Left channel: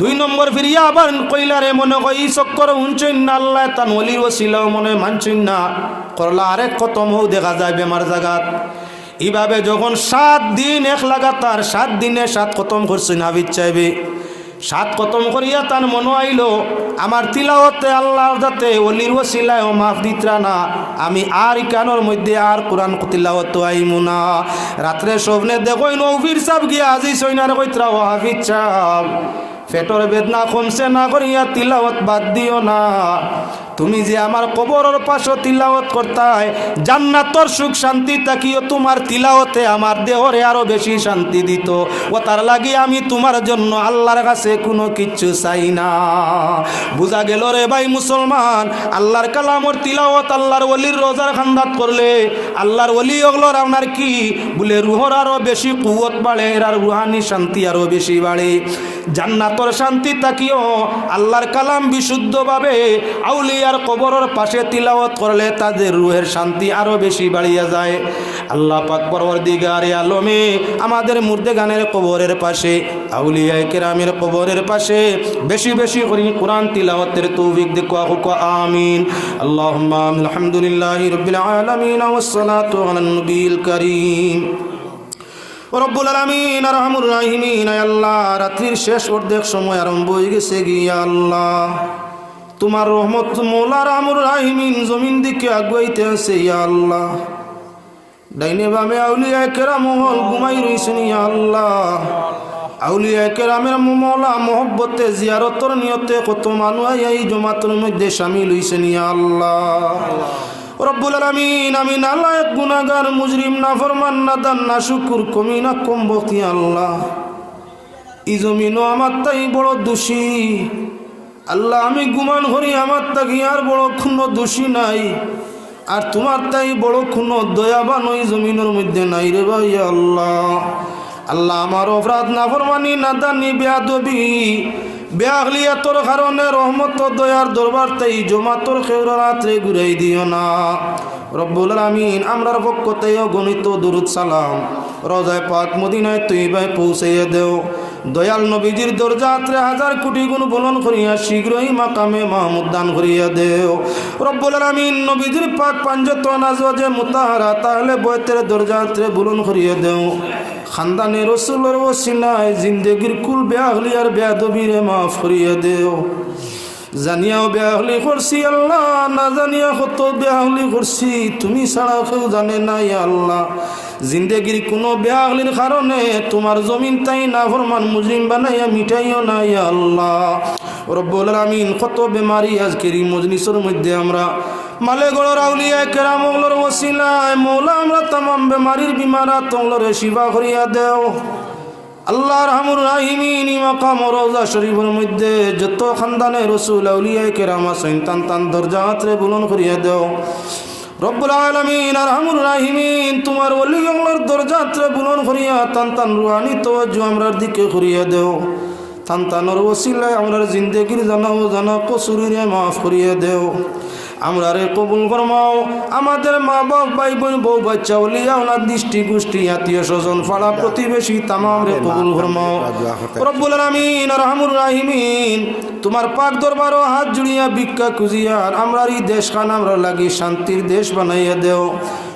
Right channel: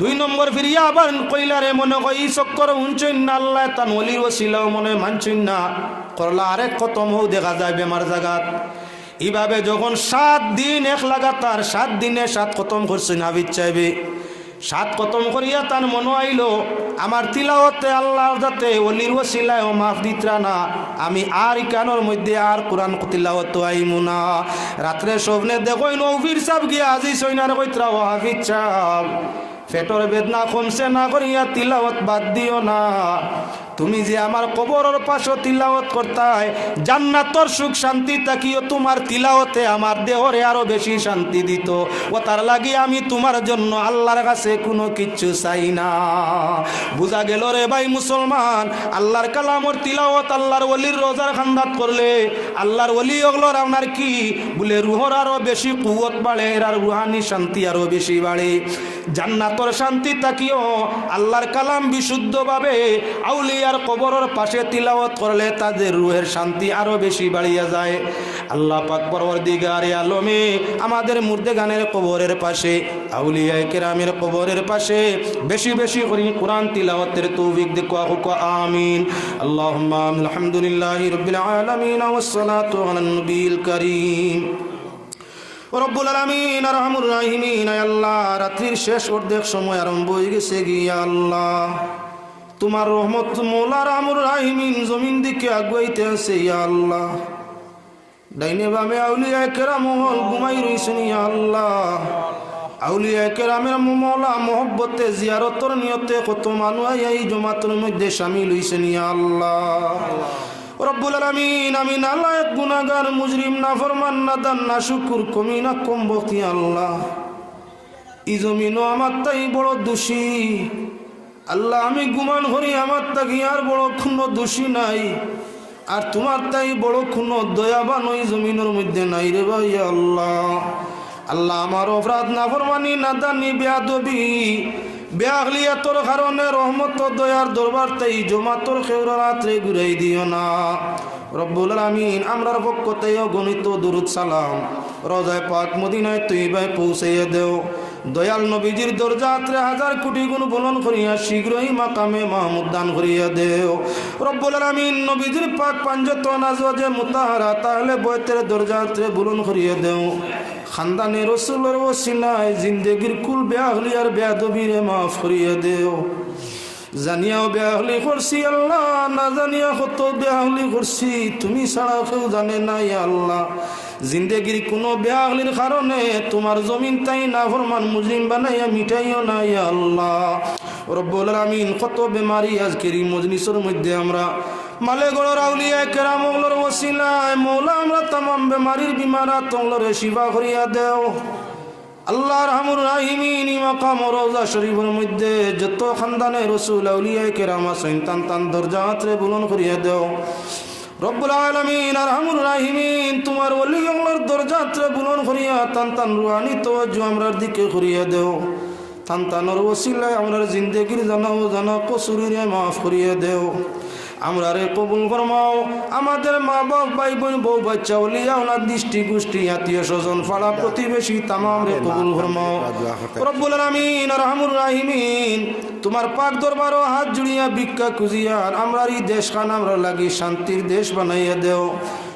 দুই নম্বর ফিরিয়া আবার কইলারে মনে কই ই চক্কর উঞ্চইন না আল্লাহ তান ওলির ওসিলা মনে মানছইন না করলা আরেক খতম হও দেখা যায় বেমার জাগাত। এইভাবে যখন 7 দিন এক লাগাতার 7 দিনে 7 খতম করছেন আবিদ চাইবে 7 খতম করিয়া তার মনে আইল আমার তিলাওয়াতে আল্লাহর যাতে ওলির ওসিলায় মাফ দিতরা না, আমি আর কানোর মধ্যে আর কোরআন তিলাওয়াত আইমু না। রাত্রে স্বপ্নে দেখই নৌফির সাহেব গিয়া আজি সৈনার কইতরা ও হাফিজ সাহেব পেটর বেদনা কমছে না করিয়া তিলাওয়াত বাদ দিও না, তুমি যে আমার কবরের পাশে তিলাওয়াত করতাই জান্নাতর সুখ শান্তি তাকিও তোমার তিলাওয়াতে আমার দেহরে আরো বেশি শান্তি দিত। ও তার লাগি আমি তোমার জন্য আল্লাহর কাছে কোনো কিচ্ছু চাই না। বুঝা গেল রে ভাই মুসলমান, আল্লাহর কালামর তিলাওয়াত আল্লাহর ওলির রোজার খান্দাত করলে আল্লাহর ওলি ওগুলোর আপনার কি বলে রুহর আরো বেশি কুওয়াত বাড়ে আর রুহানি শান্তি আরো বেশি বাড়ে। জান্নাতর শান্তি তাকিও আল্লাহর কালাম বিশুদ্ধভাবে আউলিয়ার কবরের পাশে তিলাওয়াত করলে তাদের রুহের শান্তি আরো বেশি বাড়িয়া যায়। আল্লাহ পাক পরওয়ারদিগারে আলমে আমাদের মুর্দেগানের কবরের পাশে আউলিয়ায়ে কেরামের কবরের পাশে বেশি বেশি করে কোরআন তিলাওয়াতের তৌফিক দেখো আমিন। আল্লাহুম্মা আলহামদুলিল্লাহি রাব্বিল আলামিন ওয়াস সালাতু আলান নবিয়িল কারীম রব্বুল আলামিন আরহামুর রাহিমিন। আল্লাহ রাত্রির শেষ অর্ধেক সময় আরম্ভ হয়ে গেছে গিয়া আল্লাহ তোমার রহমত মৌলা রাহমুর রাহিমিন জমিন দিকে আগুয়াইতে আছে ইয়া আল্লাহ। ডাইনে বামে আউলিয়ায়ে কেরাম হল ঘুমাই রইছেন ইয়া আল্লাহ। আউলিয়ায়ে কেরামের মৌলা মহব্বতে জিয়ারতর নিয়তে কত মানুষ এই জমাতের মধ্যে শামিল হইছেন ইয়া আল্লাহ। রব্বুল আলামিন আমি নালায়েক গুনাহগার মুজরিম নাফরমান নাদান নাশুকুর কমিনা কমবতি আল্লাহ। ই জমিনও আমার তাই বড় দোষী আল্লাহ, আমি গুমান করি আমার তাকি আর বড় কোনো দোষী নাই, আর তোমার তাই বড় কোনো দয়াবান ওই জমিনের মধ্যে নাই রে ভাই আল্লাহ। আল্লাহ আমার অপরাধ নাফরমানি নাদানি বেয়াদবি বেআখলিয়াতর কারণে রহমত দয়ার দরবার তাই জমাতর খেউরা রাত্রে ঘুরাই দিও না। রব্বুল আলামিন আমরার পক্ষ থেকে গণিত দুরুদ সালাম রওজায়ে পাক মদিনায় তৈয়বায় পৌঁছাইয়া দেও। দয়াল নবীজির দরজাতে 1000 কোটি গুণ বলন করিয়া শীঘ্রই মাকামে মাহমুদ দান করিয়া দেও। রব্বুল আলামিন নবীজির পাক পাঞ্জতন আজওয়াজে মুতাহারা তাহলে বয়তের দরজাতে বলন করিয়া দেও। খানদানে রসুলের ওসিলায় জিন্দেগির কুল বেআখলি আর বেয়াদবিরে মাফ করিয়া দেও। জানিয়াও বেআখলি করছি আল্লাহ, না জানিয়া কত বেআখলি করছি তুমি ছাড়া কেউ জানে না ইয়া আল্লাহ। জিন্দেগির কোনো বেআখলির কারণে তোমার জমিন তাই নাফরমান মুজরিম বানাইয়া মিটাইও না ইয়া আল্লাহ। রব্বুল আলামিন কত বেমারি আজকের এই মজলিসের মধ্যে আমরা মালেগড়ের আউলিয়ায়ে কেরাম ওগুলোর ওসিলায় মৌলা আমরা तमाम বেমারির বিমারাত ওগুলোরে শিফা করিয়া দেও। আল্লাহ রাহমুর রাহিমিন মাকাম রওজা শরীফের মধ্যে যত খানদানে রাসূল আউলিয়ায়ে কেরাম আছেন তান তান দরজাতে বুলন্দ করিয়া দেও। রব্বুল আলামিন আরহামুর রাহিমিন তোমার ওলি ওগুলোর দরজাতে বুলন্দ করিয়া তান তান রুহানি তাওয়াজ্জু আমরার দিকে করিয়া দেও। তান তানোর ওসিলায় আমরার জিন্দেগির জানা কসুরিরে মাফ করিয়া দেও। আমরা রে কবুল ফরমাও। আমাদের মা বাপ ভাই বোন বউ বাচ্চা ওলিয়া ওনার দৃষ্টি গোষ্ঠী আত্মীয় স্বজন পাড়া প্রতিবেশী তামাম রে কবুল ফরমাও। রব্বুল আলামিন আরহামুর রাহিমিন তোমার পাক দরবারও হাত জুড়িয়া ভিক্ষা খুঁজিয়া আমরার এই দেশখান আমরা লাগি শান্তির দেশ বানাইয়া দেও।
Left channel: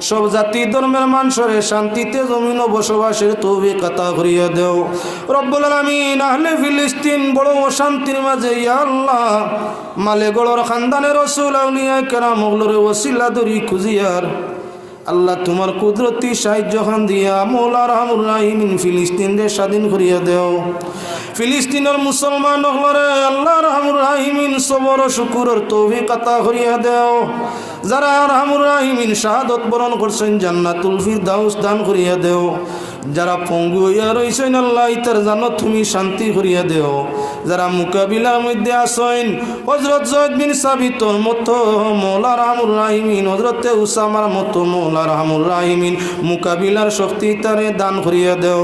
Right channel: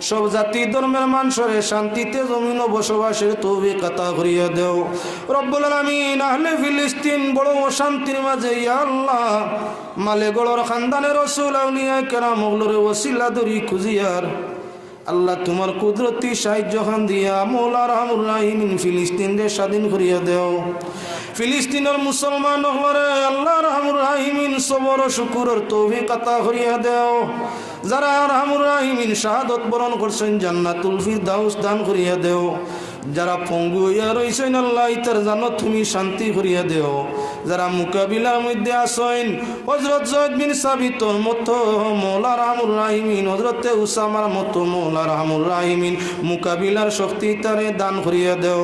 সব জাতি ধর্মের মানুষের শান্তিতে জমিন বসবাসের তৌফিক আতা করিয়া দেও। রব্বুল আলামিন আহলে ফিলিস্তিন বড় অশান্তির মাঝে ইয়া আল্লাহ মালেগড়ের খানদানের রাসূল আউলিয়ায়ে কেরাম ওগুলোর ওসিলা ধরি খুঁজিয়ার আল্লাহ তোমার কুদরতি সাহায্য খান দিয়া মৌলা রাহমুর রাহিমিন ফিলিস্তিনকে স্বাধীন করিয়া দেও। ফিলিস্তিনের মুসলমান হলরে আল্লাহ রাহমুর রাহিমিন সবর শুকুরের তৌফিক আতা করিয়া দেও। যারা রাহমুর রাহিমিন শাহাদত বরণ করছেন জান্নাতুল ফিরদাউস দান করিয়া দেও। যারা পঙ্গু হইয়া রইছেন আল্লাহ ইতার জান্নাত তুমি শান্তি করিয়া দেও। যারা মোকাবিলার মধ্যে আছেন হযরত যায়েদ বিন সাবিতর মতো মৌলা রাহমুর রাহিমিন হযরতে উসামার মতো মৌলা রাহমুর রাহিমিন মোকাবিলার শক্তি তারে দান করিয়া দেও।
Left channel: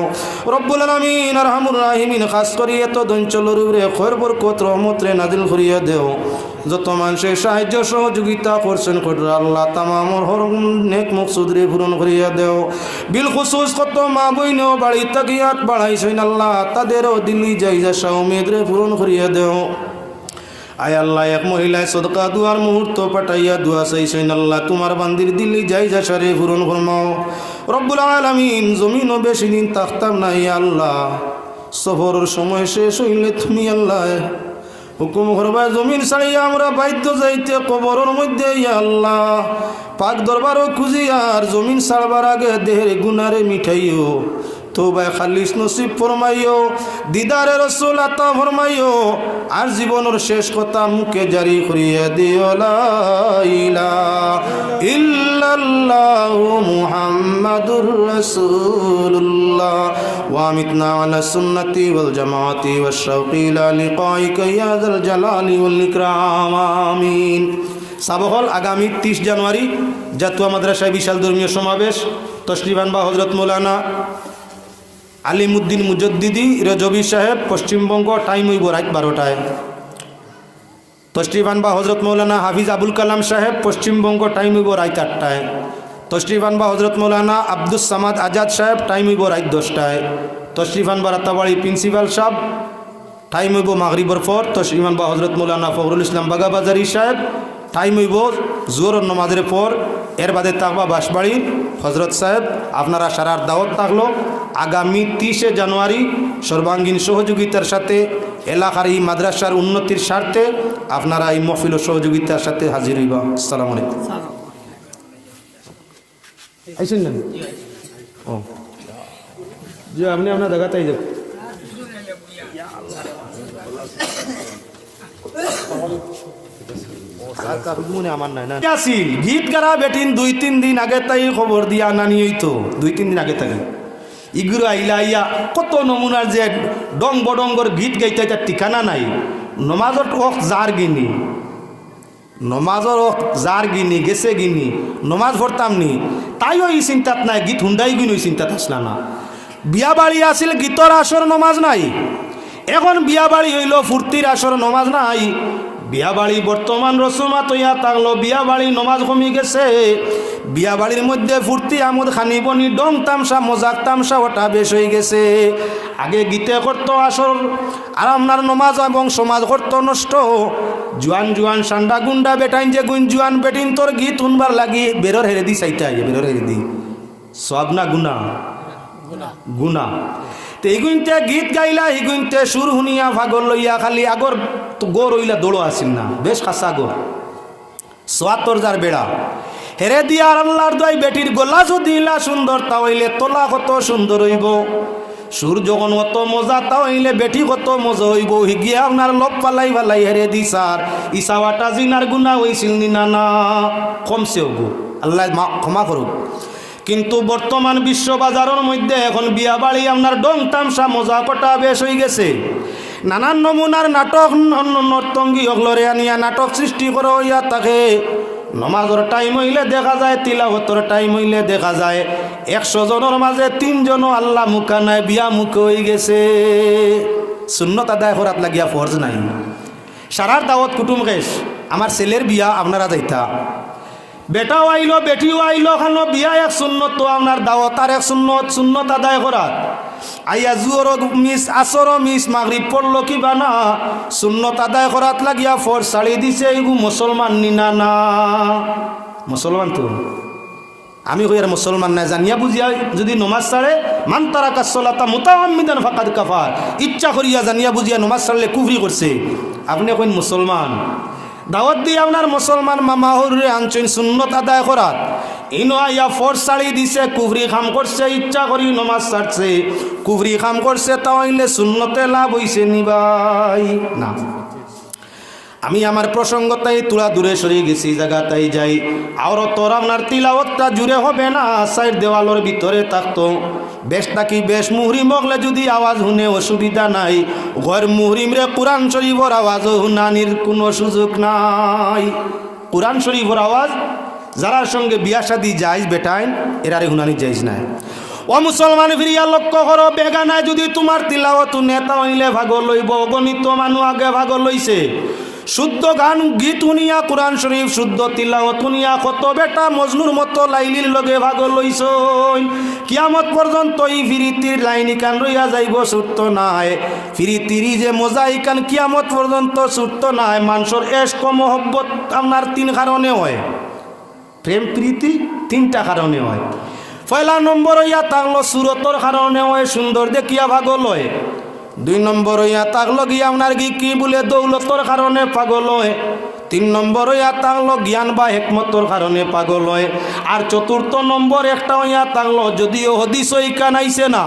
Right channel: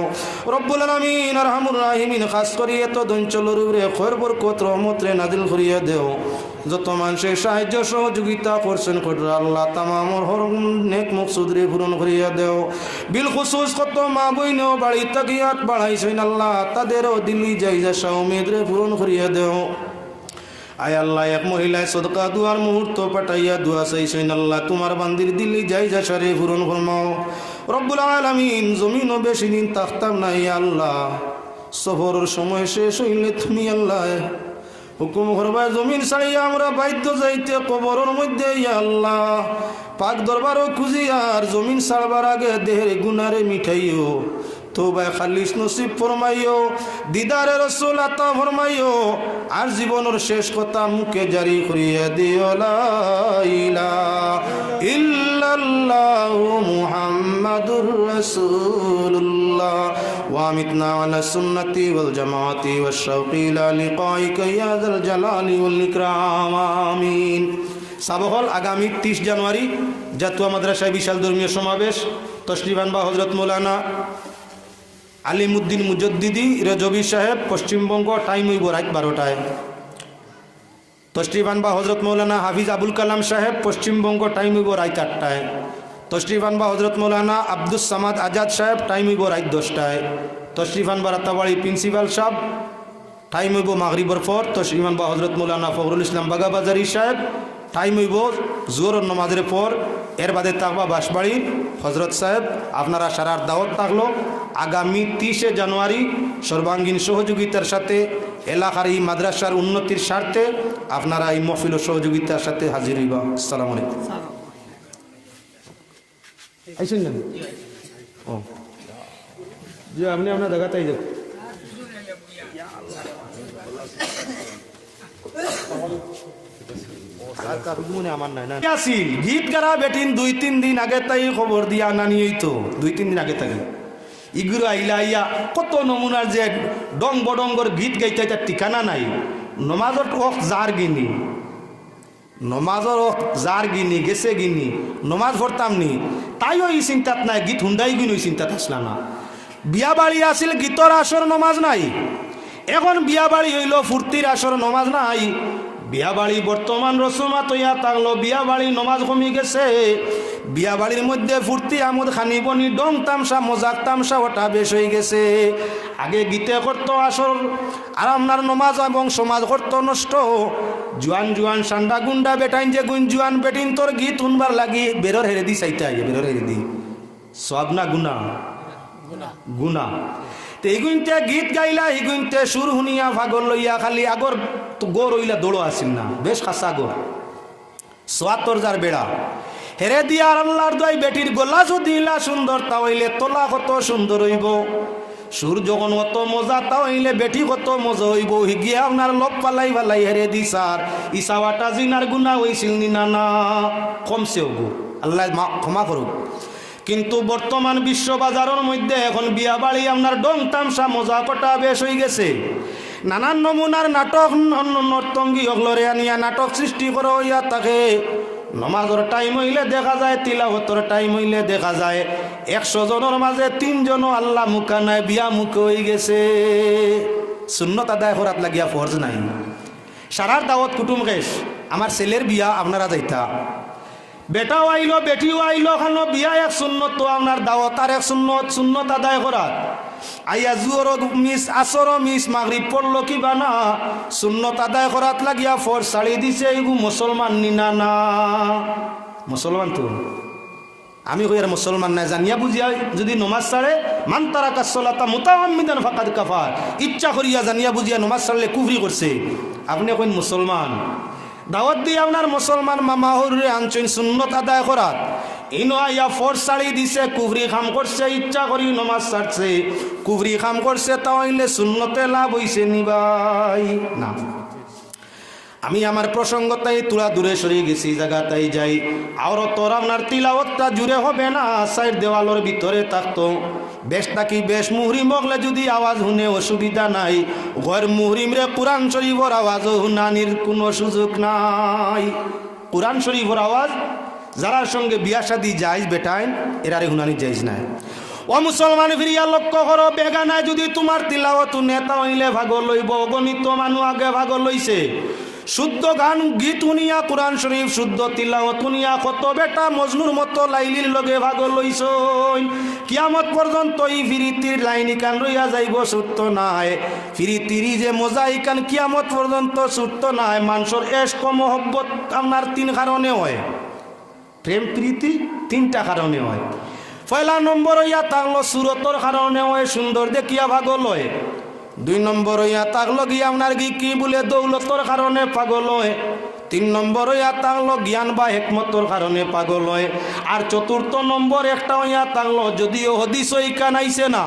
রব্বুল আলামিন আরহামুর রাহিমিন খাস করিয়া তো অঞ্চলের উপরে খৈর বরকত রহমত রে নাজিল করিয়া দেও। যত মানুষের সাহায্য সহযোগিতা করছেন কইরা আল্লাহ তামামর হর নেক মকসুদ রে পূরণ করিয়া দেও। বিল খুসুস কত মা বইন বাড়ি তাকিয়াত বাড়াইছেন আল্লাহ তাদেরও দিল্লি যাই যা উমেদরে পূরণ করিয়া দেও। আয় আল্লাহ এক মহিলায় সদকা দুয়ার মুহূর্ত পাঠাইয়া দুয়া চাইছেন আল্লাহ তোমার বান্দির দিল্লি যাই যা সারে পূরণ ফরমাও রব্বুল আলামিন। জমিনও বেশি দিন থাকতাম নাই আল্লাহ, সফরের সময় শেষ হইলে তুমি আল্লাহ হুকুম করবা জমিন ছাড়িয়া আমরা বাধ্য যাইতে কবরের মধ্যে আল্লাহ পাক দরবারও খুঁজি আর জমিন ছাড়বার আগে দেহের গুনারে মিঠাইও তওবা খালিস নসিব ফরমাইও দিদারে রাসূল আতা ফরমাইও আর জীবনের শেষ কথা মুখে জারি করিয়া দিও লা ইলাহা ইল্লাল্লাহু মুহাম্মাদুর রাসূলুল্লাহ ওয়া আমিতনা আলা সুন্নতি ওয়াল জামাআতি ওয়াশ শাওকি ইলা লিকাইকা ইয়া যাল জালালি ওয়াল ইকরাম আমিন। সাবহল আগামী 30 জানুয়ারি জাতীয় মাদ্রাসায় বিশাল ধর্মীয় সমাবেশ। তশরিফ আনবা হযরত মাওলানা আলিমউদ্দিন মুজদ্দিদি রেজবি সাহেব, পশ্চিমবঙ্গ। টাইম হইব রাত 12টায়। তশরিফ আনবা হযরত মাওলানা হাফিজ আবুল কালাম সাহেব, পশ্চিমবঙ্গ। টাইম হইব রাত 8টায়। তশরিফ আনবা হযরত মাওলানা আব্দুস সামাদ আজাদ সাহেব, টাইম হইব রাত 10টায়। তশরিফ আনবা রাতাবাড়ি প্রিন্সিপাল সাহেব, টাইম হইব মাগরিবর পর। তশরিফ আনবা হযরত মাওলানা ফখরুল ইসলাম বাগাবাজারি সাহেব, টাইম হইব জোহর নামাজের পর। এর বাদে থাকবা বাঁশবাড়ির হজরত সাহেব। আপনারা সারার দাওয়াত থাকলো আগামী 30 জানুয়ারি সর্বাঙ্গীন সহযোগিতার সাথে এলাকার এই মাদ্রাসার উন্নতির স্বার্থে আপনারা এই মহফিল সহযোগিতার সাথে হাজির হইবা। আসসালামু আলাইকুম। আইছেন না? ও জি, আপনি আপনার জায়গাতে যান। গীত গারা বেটিন 2-3 দিন আগে তাই খবর দিয়া নানি হইতো 2-3 দিন আগে তাই ইগুলো আইলা আইয়া কত নমুনার যে ডং বডঙ্গর গীত গাইতে তার ঠিকানা নাই। নমাজত ওক যার গিনি, নমাজর ওক যার গিনি গেছে গিনি নমাজ পড়তাম নি তাইও এই চিন্তাত নাই। গীত হুন্ডাই গিন ওই চিন্তাত আসলা না। বিয়া বাড়ি আসিল গীতর আসর নমাজ নাই। এখন বিয়া বাড়ি হইল ফুর্তির আসর নমাজ নাই। বিয়া বাড়ি বর্তমান রসুমাত হইয়া থাকলো, বিয়া বাড়ি নমাজ কমি গেছে। বিয়া বাড়ির মধ্যে ফুর্তি আমোদ খানিবনি ডং তামসা মজাক তামসা ওটা বেশ হয়ে গেছে। আগে গীতে করতো আসর আর আপনার নমাজ এবং সমাজ করতো নষ্ট। জুয়ান জুয়ান সান্ডা গুন্ডা বেটাইন যে গুন জুয়ান বেটিন তোর গীত শুনবার লাগি বেরোর হেরে দি চাইতে আগে বেরোর হেরে দি সব না গুনা গুনা। এইগুনতে গীত গাইলা এইগুনতে সুর শুনিয়া ভাগর লইয়া খালি আগর গোর হইলা দৌড়ো আসিল না বেশ খাসা গোর সোয়াত্তর যার বেড়া হেরে দিয়া আর আল্লাহর দয় বেটির গলা যদি ইলা সুন্দর তা হইলে তোলা কত সুন্দর হইব। সুর যখন কত মজা তা হইলে বেটি কত মজা হইব। হিগিয়া আপনার লোক পালাই পালাই হেরে দি সার ইসাওয়াটা জিনার গুণা হইছিল নি না না কমছে হব আল্লাহ ক্ষমা করুক। কিন্তু বর্তমান বিশ্ব বাজারের মধ্যে এখন বিয়া বাড়ি আপনার ডং তামসা মজা কটা বেশ হয়ে গেছে। নানান নমুনার নাটক নর্তঙ্গী অগলরে আনিয়া নাটক সৃষ্টি করা হইয়া থাকে। নমাজের টাইম হইলে দেখা যায়, তিলাওয়াতের টাইম হইলে দেখা যায় 100 জনের মাঝে 3 জনও আল্লাহ মুখা নাই বিয়া মুখে হয়ে গেছে। সুন্নত আদায় করাত লাগিয়া ফরজ নাই। সারার দাওয়াত কুটুম গেছ আমার ছেলের বিয়া আপনারা যাইতা, বেটাও আইলো বেটিও আইলো খানো বিয়া এক সুন্নত তো আপনার দাওয়াত আর এক সুন্নত সুন্নত আদায় করাত। আইয়া জুয়র মিস আসর মিস মাগরিব পড়লো কি বানা সুন্নত আদায় করাত লাগিয়া ফর ছাড়ি দিছে। এইগু মুসলমান নিনা না মুসলমান তো আমি কই আর মুসলমান না জানিয়া বুঝিয়া যদি নমাজ ছাড়ে মান তারাকা সালাতা মুতাআম্মিদান ফাকাদ কাফার। ইচ্ছা করিয়া জানিয়া বুঝিয়া নমাজ ছাড়লে কুফরি করছে। আপনি কইন মুসলমান দাওয়াত দিয়ে আপনার মুসলমান মামা হরে আনছেন সুন্নত আদায় করাত। ইনো আইয়া ফর ছাড়ি দিছে কুফরি খাম করছে, ইচ্ছা করি নমাজ ছাড়ছে কুফরি খাম করছে। তাহলে সুন্নতে লাভ হইছে নি ভাই? না। আমি আমার প্রসঙ্গতাই তুলা দূরে সরিয়ে গেছি জায়গাটাই যাই। আর তোর আপনার তিলাওয়াতটা জুড়ে হবে না, সাইড দেওয়ালের ভিতরে থাকতো বেশ নাকি বেশ মুহরিম হলে যদি আওয়াজ শুনে অসুবিধা নাই। ঘর মুহরিম রে কোরআন শরীফের আওয়াজ শুনানির কোনো সুযোগ নাই। কোরআন শরীফের আওয়াজ যারার সঙ্গে বিয়া শাদী যাইজ বেটাইন এরারে শুনানি যাইজ নাই। ও মুসলমান ফিরিয়া লক্ষ্য করো বেগানায় যদি তোমার তিলাওয়াত নেতা হইলে ভাগ লইব। অগণিত মানুষ আগে ভাগ লইছে। শুদ্ধ গান গীত শুনিয়া কোরআন শরীফ শুদ্ধ তিলাওয়াত শুনিয়া কত বেটা মজনুর মতো লাইলির লগে ভাগ লইছই। কিয়ামত পর্যন্ত এই ফিরিতির লাইনি কান রইয়া যাইব, ছুটত নাই। ফিরিতিরি যে মজা ইকান কিয়ামত পর্যন্ত ছুটত নাই। মানুষের এশক মহব্বত আপনার তিন কারণে হয়, প্রেম প্রীতি তিনটা কারণে হয়। পয়লা নম্বর হইয়া থাকলো সুরতর কারণে হয়, সুন্দর দেখিয়া ভাগ লয়। 2 নম্বর হইয়া থাকলো গিয়া আপনার কি বলে দৌলতর কারণে পাগল হয়। 3 নম্বর হইয়া থাকলো জ্ঞান বা হেকমতর কারণে পাগল হয়। আর 4th নম্বর একটা হইয়া থাকলো, যদিও হদিস ইকান আইছে না,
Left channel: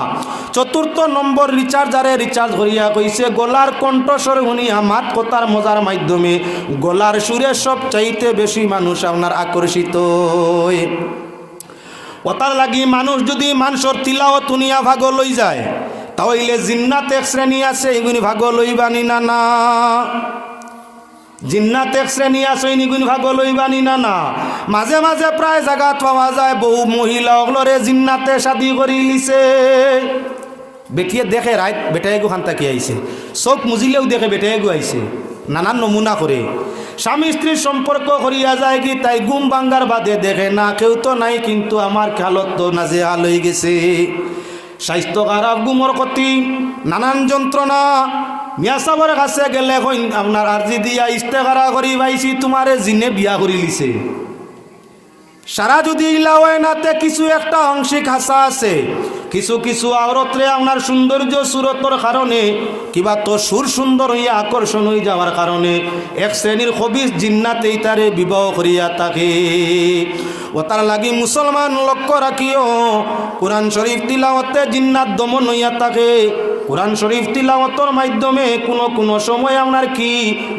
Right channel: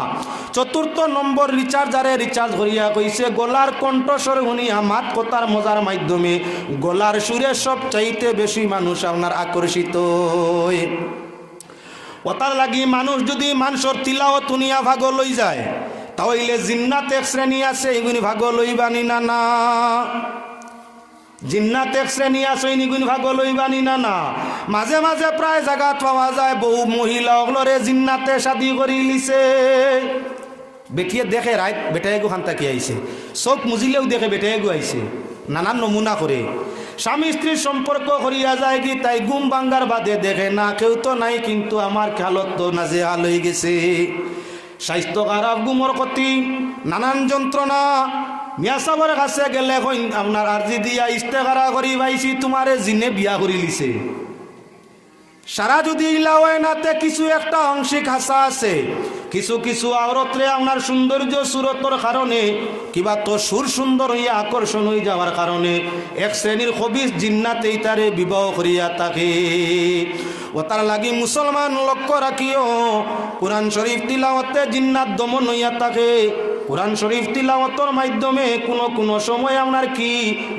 4th নম্বর রিচার্জারে রিচার্জ করিয়া কইছে গলার কণ্ঠস্বর শুনিয়া মাত কথার মজার মাধ্যমে গলার সুরে সব চাইতে বেশি মানুষ আপনার আকর্ষিত হয়। কথার লাগি মানুষ যদি মানুষের তিলাওয়াত শুনিয়া ভাগ লই যায়, তাহলে জিন্নাত এক শ্রেণী আছে, এগুলি ভাগ লইবানি না না? জিন্নাত এক শ্রেণী আছে, এগুলি ভাগ লইবানি না না? মাঝে মাঝে প্রায় জায়গাত পাওয়া যায় বহু মহিলা ওগুলোরে জিন্নাতে শাদি করি লিছে। বেটিয়ে দেখে রাইত বেটাইগু খান তাকি আইছে, চোখ মুজিলেও দেখে বেটাইগু আইছে, নানান নমুনা করে। স্বামী স্ত্রীর সম্পর্ক করিয়া যায় কি তাই ঘুম ভাঙ্গার বাদে দেখে না কেউ তো নাই, কিন্তু আমার খেয়ালত তো নাজেহাল হয়ে গেছে। স্বাস্থ্য খারাপ, ঘুমর ক্ষতি, নানান যন্ত্রণা। মিয়া সাহেবের কাছে গেলে আপনার আর্জি দিয়া ইস্তেহারা করি পাইছি তোমারে জিনে বিয়া করি লিছে। সারা যদি ইলা হয় নাতে কিছু একটা আংশিক হাসা আছে। কিছু কিছু আওরতরে আপনার সৌন্দর্য সুরতর কারণে কিবা তো সুর সুন্দর হইয়া আকর্ষণ হয়ে যাওয়ার কারণে এক শ্রেণীর খবিস জিন্নাতেই তারে বিবাহ করিয়া থাকে। ও তার লাগি মুসলমান লক্ষ্য রাখিও, কোরআন শরীফ তিলাওয়াতে জিন্নাত দমন হইয়া থাকে। কোরআন শরীফ তিলাওয়াতর মাধ্যমে কোনো সময় আপনার কি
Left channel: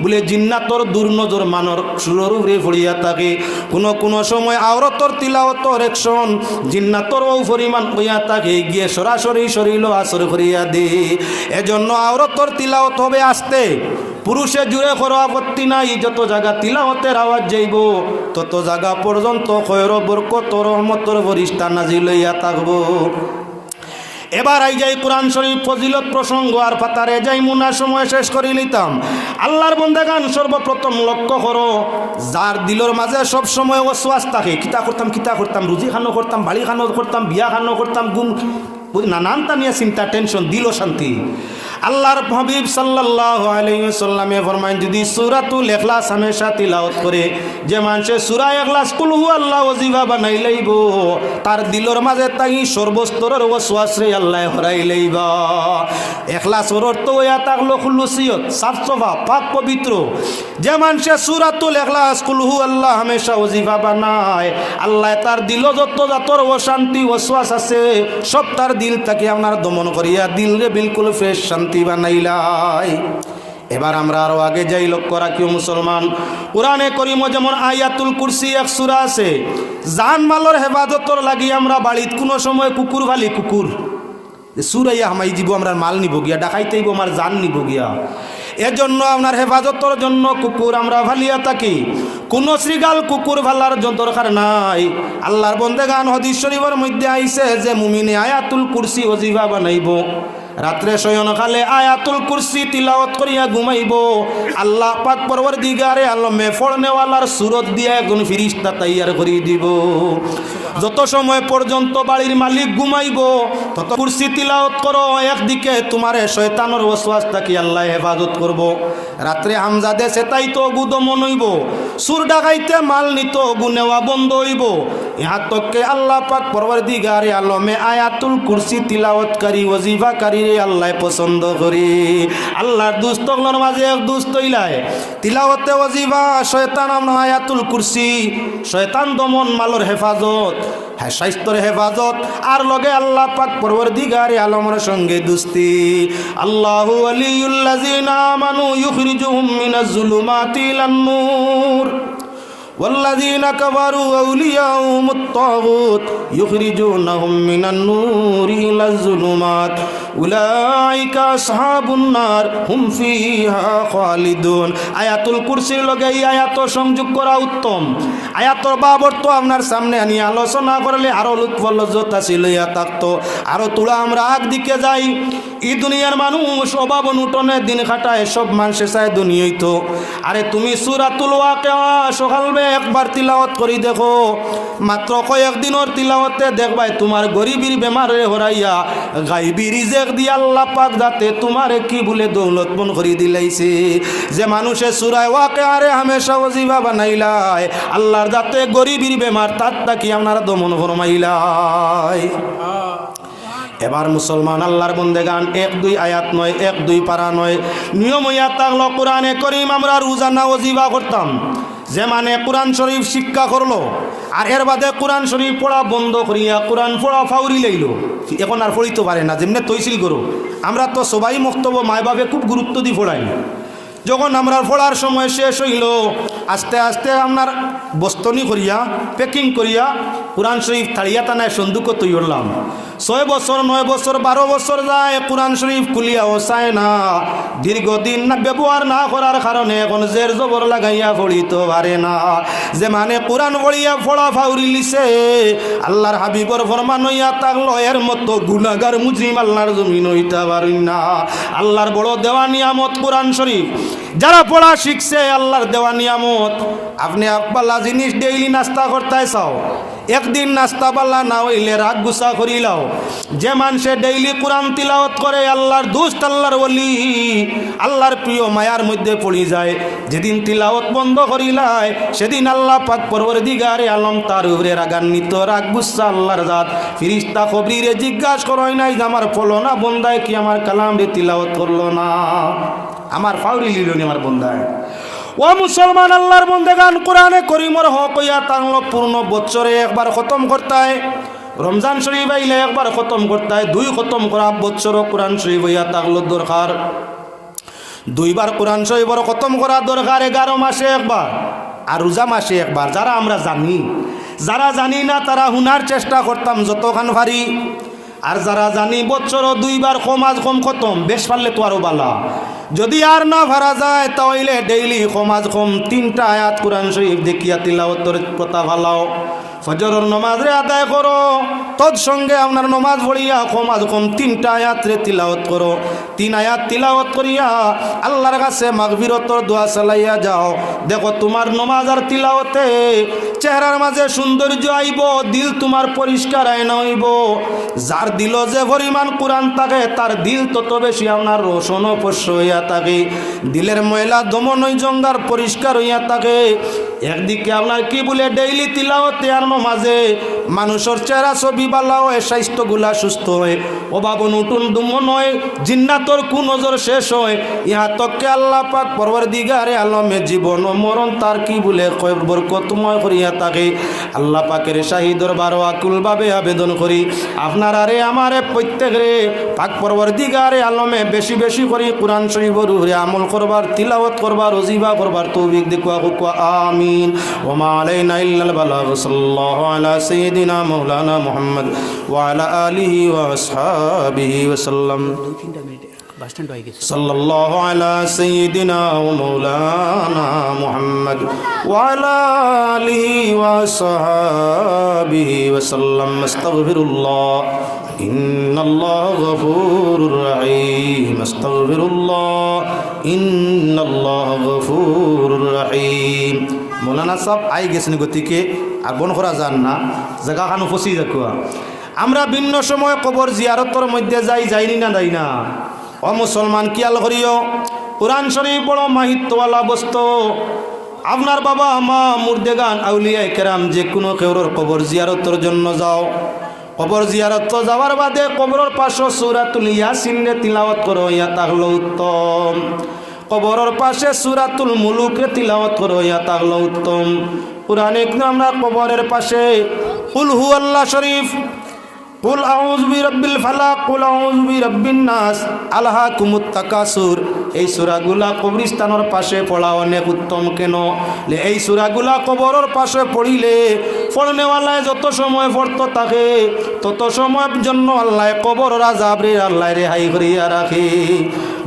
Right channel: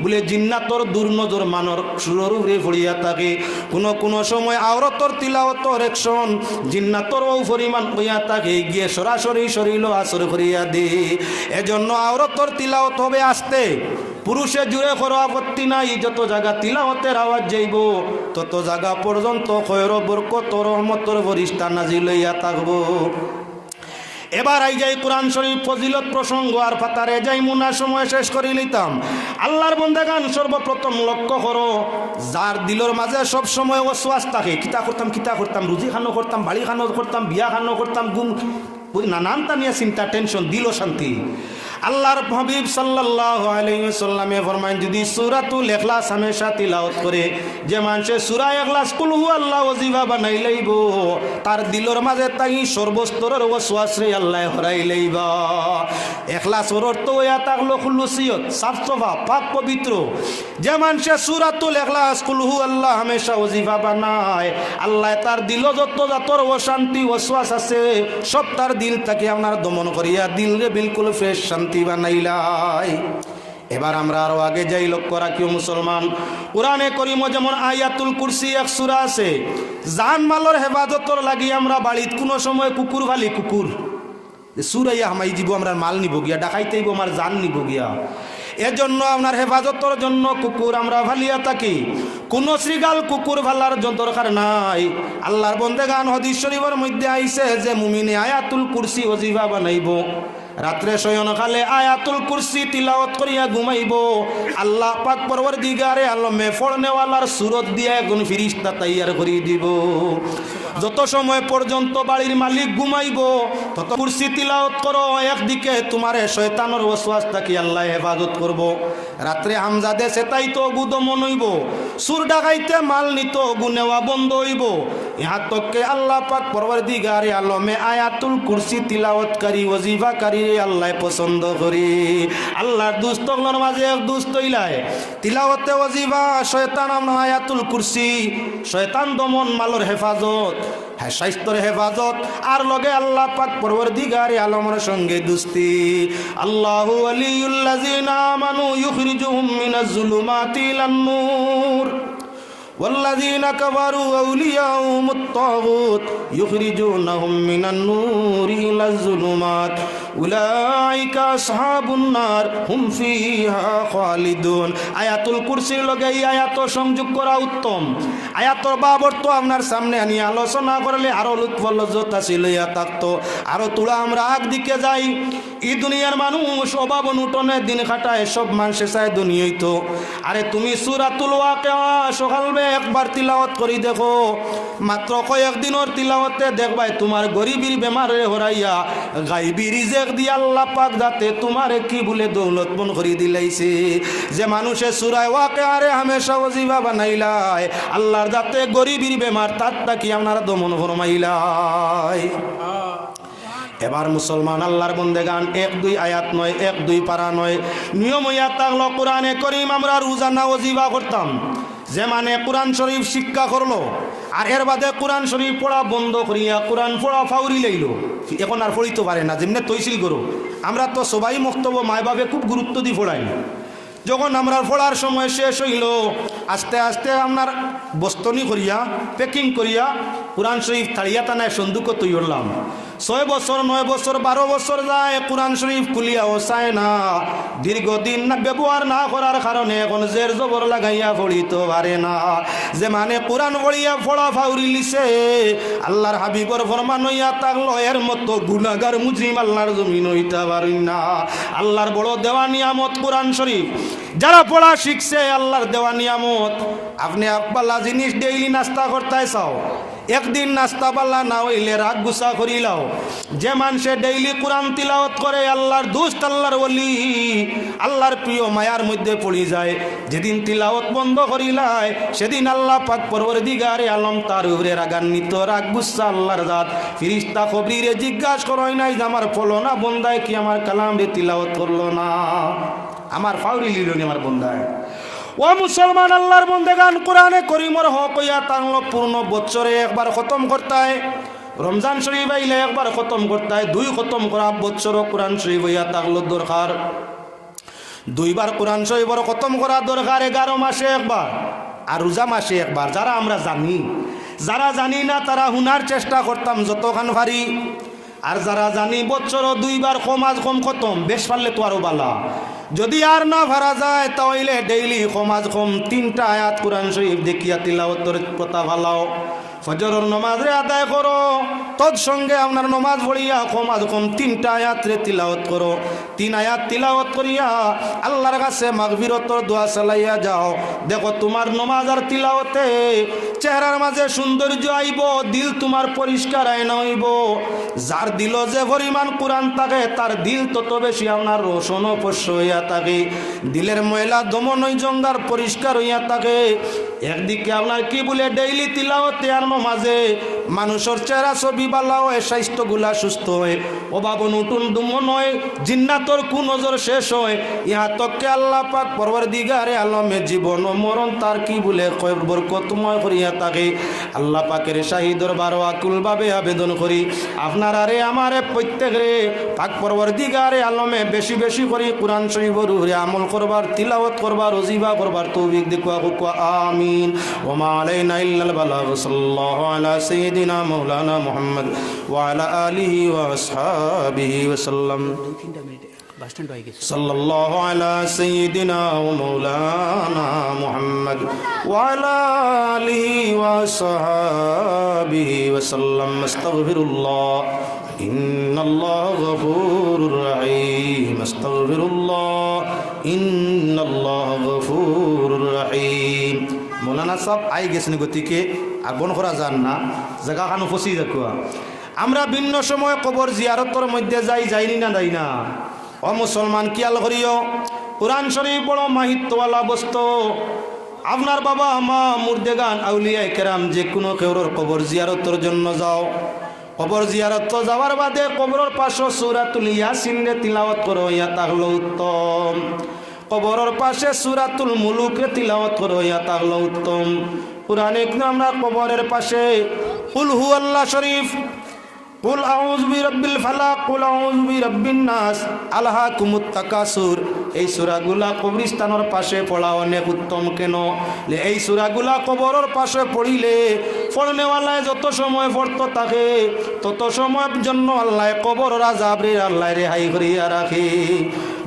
বলে জিন্নাতর দুর্নজর মানর সুররূপে পড়িয়া থাকে। কোনো সময় আওরতর তিলাওয়াতর একশন জিন্নাতর ও পরিমাণ হইয়া থাকে, গিয়ে সরাসরি শরীর আসর করিয়া দে। এজন্য আওরতর তিলাওয়াত হবে আসতে, পুরুষে জুড়ে করো আপত্তি নাই। যত জায়গা তিলাওয়াতের আওয়াজ যাইব তত জায়গা পর্যন্ত খয়র বরকত রহমতর ফেরেশতা নাজিল হইয়া থাকব। এবার আই যাই কোরআন শরীফ ফজিলত প্রসঙ্গ, আর পাতারে যাই মুনা সময় শেষ করে নিতাম। আল্লাহর বন্দেগান সর্বপ্রথম লক্ষ্য করো, যার দিলর মাঝে সব সময় ওয়াসওয়াস থাকে, কিতা করতাম রুজি খানো করতাম, বাড়ি খানো করতাম, বিয়া খানো করতাম, গুম নানান তামিয়া চিন্তা, টেনশন, দিল শান্তি। আল্লাহর হাবিব সাল্লাল্লাহু আলাইহি ওয়াসাল্লামে ফরমায়, যদি সূরাতুল ইখলাস হামেশা তিলাওয়াত করে, যে মানুষে সূরা ইখলাস কুল হু আল্লাহ ওয়াজিফা বানাই লইব, তার দিলর মাঝে তাই সর্বস্তরের ওয়াসওয়াস রে আল্লাহ হরাই লইবা। ইখলাসের অর্থ হইয়া থাকলো খুলুসিয়ত, সাফ সাফা, পাক পবিত্র। যে মানুষে সূরাতুল ইখলাস কুল হু আল্লাহ হামেশা ওয়াজিফা বানায়, আল্লাহ তার দিল যত জাতর অশান্তি ওয়াসওয়াস আছে সব তার দিল তাকে আপনার দমন করিয়া দিল রে বিলকুল ফ্রেশ শান্তি বানাইলাই। এবার আমরা আরো আগে যাই, লক্ষ্য রাখিও মুসলমান, কোরআনে করিম যেমন আয়াতুল কুরসি এক সূরা আছে। জান মালর হেফাজতর লাগি আমরা বাড়িত কোনো সময় কুকুর ভালি, কুকুর সুরাইয়া হামাই দিব, আমরা মাল নিব গিয়া, ডাকাইতেইব আমার জান নিব গিয়া। এজন্য আপনার হেফাজতর জন্য কুকুর আমরা ভালিয়া থাকি। কোন শ্রীগাল কুকুর ভালার দরকার নাই। আল্লাহর বন্দেগান হাদিস শরীফের মধ্যে আইছে যে মুমিনে আয়াতুল কুরসি ওয়াজিফা বানাইব, রাত্রে শয়নকালে আয়াতুল কুরসি তিলাওয়াত করিয়া ঘুমাইব, আল্লাহ পাক পরওয়ারদিগারে আলমে ফড়নেওয়ালার সুরত দিয়া একজন ফেরেশতা তৈয়ার করে দিব। যত সময় পর্যন্ত বাড়ির মালিক ঘুমাইব তত কুরসি তিলাওয়াত করো, একদিকে তোমারে শয়তানের ওয়াসওয়াস থেকে আল্লাহ হেফাজত করব। রাত্রে হামজাদে সেটাই তো গুদমন হইব, সুর ডাকাইতে মাল নিত গুনেওয়া বন্ধ হইব। ইহা তককে আল্লাহ পাক পরওয়ারদিগারে আলমে আয়াতুল কুরসি তিলাওয়াতকারী ওয়াজিফাকারী আল্লাহ পছন্দ করি। আল্লাহর দুস্তগুলোর মাঝে এক দুস্ত ইলায় তিলাওয়াতে ওয়াজিফা, শয়তান আমরা আয়াতুল কুরসি, শয়তান দমন, মালর হেফাজত, হ্যাঁ স্বাস্থ্যের হেফাজত, আর লগে আল্লাহ পাক পরওয়ারদিগারে আলমের সঙ্গে দুস্তি। আল্লাহু ওয়ালিউল্লাযিনা আমানু ইউখরিজুহুম মিনাজ যুলুমাতি ইলান নূর والذين كفروا أولياءهم الطاغوت يخرجونهم من النور إلى الظلمات أولئك أصحاب النار هم فيها خالدون। আয়াতুল কুরসির লগে এই আয়াত সংযোগ করা উত্তম। আয়াতর বাবর তো আপনার সামনে আনি আলোচনা করলে আরো লুৎফ লজ্জত ছিল থাকতো, আরো তোলা আমরা আগ দিকে যাই। এই দুনিয়ার মানুষ অভাব অনটনে দিন খাটায়, সব মানুষে চায় দুনিয়াই তো। আরে তুমি সূরাতুল ওয়াকিয়া সকালে একবার তিলাওয়াত করি দেখো, মাত্র কয়েকদিনের তিলাওয়াতে দেখবাই তোমার গরিবের বেমারে হরাইয়া গাইবি রিজেক দিয়ে আল্লাহ পাক যাতে তোমারে কি বলে দৌলত বন করে দিলাইছে। যে মানুষে সূরা ওয়াকিয়ারে হামেশা ওয়াজিবা বানাইলাই, আল্লাহর যাতে গরিবের বেমার তার তাকি আপনারা দমন ফরমাইলাই। এবার মুসলমান আল্লাহর বন্দেগান 1-2 আয়াত নয়, 1-2 পারা নয়, নিয়ম হইয়া থাকলো কোরআনে করিম আমরা রোজানা ওয়াজিবা করতাম। যে মানে কোরআন শরীফ শিক্ষা করলো আর এর বাদে কোরআন শরীফ পড়া বন্ধ করিয়া কোরআন পড়া ফাউরি লাইল, এখন আর পড়িতে পারে না, যেমনি তৈছিল করো। আমরা তো সবাই মক্তব্য মায় বাবে খুব গুরুত্ব দিয়ে পড়াই। যখন আমরা পড়ার সময় শেষ হইল, আস্তে আস্তে আপনার বস্তনি করিয়া প্যাকিং করিয়া কোরআন শরীফ থাড়িয়া টানায় সন্দুকও তৈরি করলাম। 6 বছর 9 বছর 12 বছর যায় কোরআন শরীফ খুলিয়াও চায় না। দীর্ঘদিন না ব্যবহার না করার কারণে এখন জের জবর লাগাইয়া পড়িতে পারে না। যে মানে কোরআন পড়িয়া পড়া ফাউরি লিছে, আল্লাহর হাবিবর ফরমান হইয়া থাকলো এর মতো গুনাহগার মুজরিম আল্লাহর জমিন হইতে পারি না। আল্লাহর বড় দেওয়া নিয়ামত কোরআন শরীফ, যারা পড়া শিখছে আল্লাহর দেওয়া নিয়ামত। আপনি একবালা জিনিস ডেইলি নাস্তা করতে চাও, একদিন নাস্তা পাল্লা না হইলে রাগ গুসা করিলাও। যে মানুষে ডেইলি কোরআন তিলাওয়াত করে আল্লাহর দোস্ত, আল্লাহর ওলি, আল্লাহর প্রিয় মায়ার মধ্যে পড়ি যায়। যেদিন তিলাওয়াত বন্ধ করিলাই সেদিন আল্লাহ পাক পরওয়ারদিগারে আলম তার উপরে রাগান্বিত, রাগ গুসা আল্লাহর জাত। ফিরিস্তা খবরিরে জিজ্ঞাসা করই নাই যে আমার ফলো না বন্দায় কি আমার কালাম রে তিলাওয়াত করলো না, আমার ফাউরি লিল নি আমার বন্দায়। ও মুসলমান আল্লাহর বন্দেগান, কোরআনে করিমর হক হইয়া তাংলো পূর্ণ বছরে একবার খতম করতায়। রমজান শরীফ আইলে একবার খতম করতায়। 2 খতম করা বছর কোরআন শরীফ হইয়া তাগলো দরকার। 2 বার কোরআন শরীফর খতম করা দরকার। 11 মাসে একবার আর রোজা মাসে একবার। যারা আমরা জানি, যারা জানি না তারা হুনার চেষ্টা করতাম যতখান পারি। আর যারা জানি বছর 2 বার কম আজ কম খতম, বেশ পারলে তো আরো বালা। যদি আর না ভাড়া যায় তাহলে ডেইলি কম আজ কম 3টা আয়াত কোরআন শরীফ দেখিয়া তিলাওয়াতের কথা ভালাও। ফজরের নামাজ রে আদায় করো, তৎসঙ্গে আপনার নামাজ পড়িয়া কম আজ কম 3টা আয়াত রে তিলাওয়াত করো। 3 আয়াত তিলাওয়াত করিয়া আল্লাহর কাছে মাগফিরতর দোয়া চালাইয়া যাও। দেখো তোমার নামাজ আর তিলাওয়াতে চেহারার মাঝে সৌন্দর্য আইব, দিল তোমার পরিষ্কার আয়না হইব। যার দিল যে পরিমাণ কোরআন থাকে তার দিল তত বেশি আপনার রোশন পশ্য হইয়া থাকে। দিলের ময়লা দমন হই জঙ্গার পরিষ্কার হইয়া থাকে। একদিকে আপনার কি বলে ডেইলি তিলাওয়াতে আর নামাজে মানুষের চেহারা ছবি বালা হয়, স্বাস্থ্যগুলা সুস্থ হয়, অভাব নতুন দুমন হয়, জিন্নাতর কুনজর শেষ হয়। ইহা তককে আল্লাহ পাক পরওয়ারদিগারে আলমে জীবন ও মরণ তার কি বলে বরকতময় করিয়া থাকে। আল্লাহ পাকের শাহী দরবার আকুলভাবে আবেদন করি, আপনার আরে আমারে প্রত্যেকরে পাক পরওয়ারদিগারে আলমে বেশি বেশি করে কোরআন শরীফের উপরে আমল করবার, তিলাওয়াত করবার, ওজিফা করবার তৌফিক দিকুয়া হুকুয়া আমিন। ওমা আলাইনা ইল্লাল বালাগ। সাল্লাল্লাহু আলা সাইয়্যিদিনা মাওলানা মুহাম্মদ ওয়া আলা আলিহি ওয়া আসহাবিহি ওয়া সাল্লাম। সাল্লাল্লাহু আলা সাইয়্যিদিনা ওয়া মাওলানা মুহাম্মদ ওয়া আলা আলিহি ওয়া আসহাবিহি ওয়া সাল্লাম। আস্তাগফিরুল্লাহ ইন্নাল্লাহা গফুরুর রহিম। আস্তাগফিরুল্লাহ ইন্নাল্লাহা গফুরুর রহিম। মৌলানা সাহেব আই গেছেন, গতিকে আগন করা যান না, জায়গাখানো ফসি রাখুয়া। আমরা ভিন্ন সময় কবর জিয়ারতর মধ্যে যাইনি না যাই না। ও মুসলমান কিয়াল করিও, কোরআন শরীফ বড় মাহিত্যওয়ালা বস্তু। আপনার বাবা মা মুর্দেগান আউলিয়া কেরাম যে কোনো কেউর কবর জিয়ারতর জন্য যাও। কবর জিয়ারত যাওয়ার বাদে কবরের পাশে সূরাতুল ইয়াসিন রে তিলাওয়াত করো, ইয়া তাহলে উত্তম। কবরের পাশে সূরাতুল মুলুক রে তিলাওয়াত করো, ইয়া তাহলে উত্তম। কোরআনে আমরা কবরের পাশে কুল হুয়াল্লাহ শরীফ, কুল আউযু বিরাব্বিল ফালাক, কুল আউযু বিরাব্বিন নাস, আলহাকুমুত তাকাসুর, এই সূরাগুলা কবরস্থানের পাশে পড়া অনেক উত্তম। কেন? এই সূরাগুলা কবরের পাশে পড়িলে পড়নেওয়ালায় যত সময় পড়তো থাকে তত সময়ের জন্য আল্লাহ কবর আযাব রে আল্লাহ রেহাই করিয়া রাখে।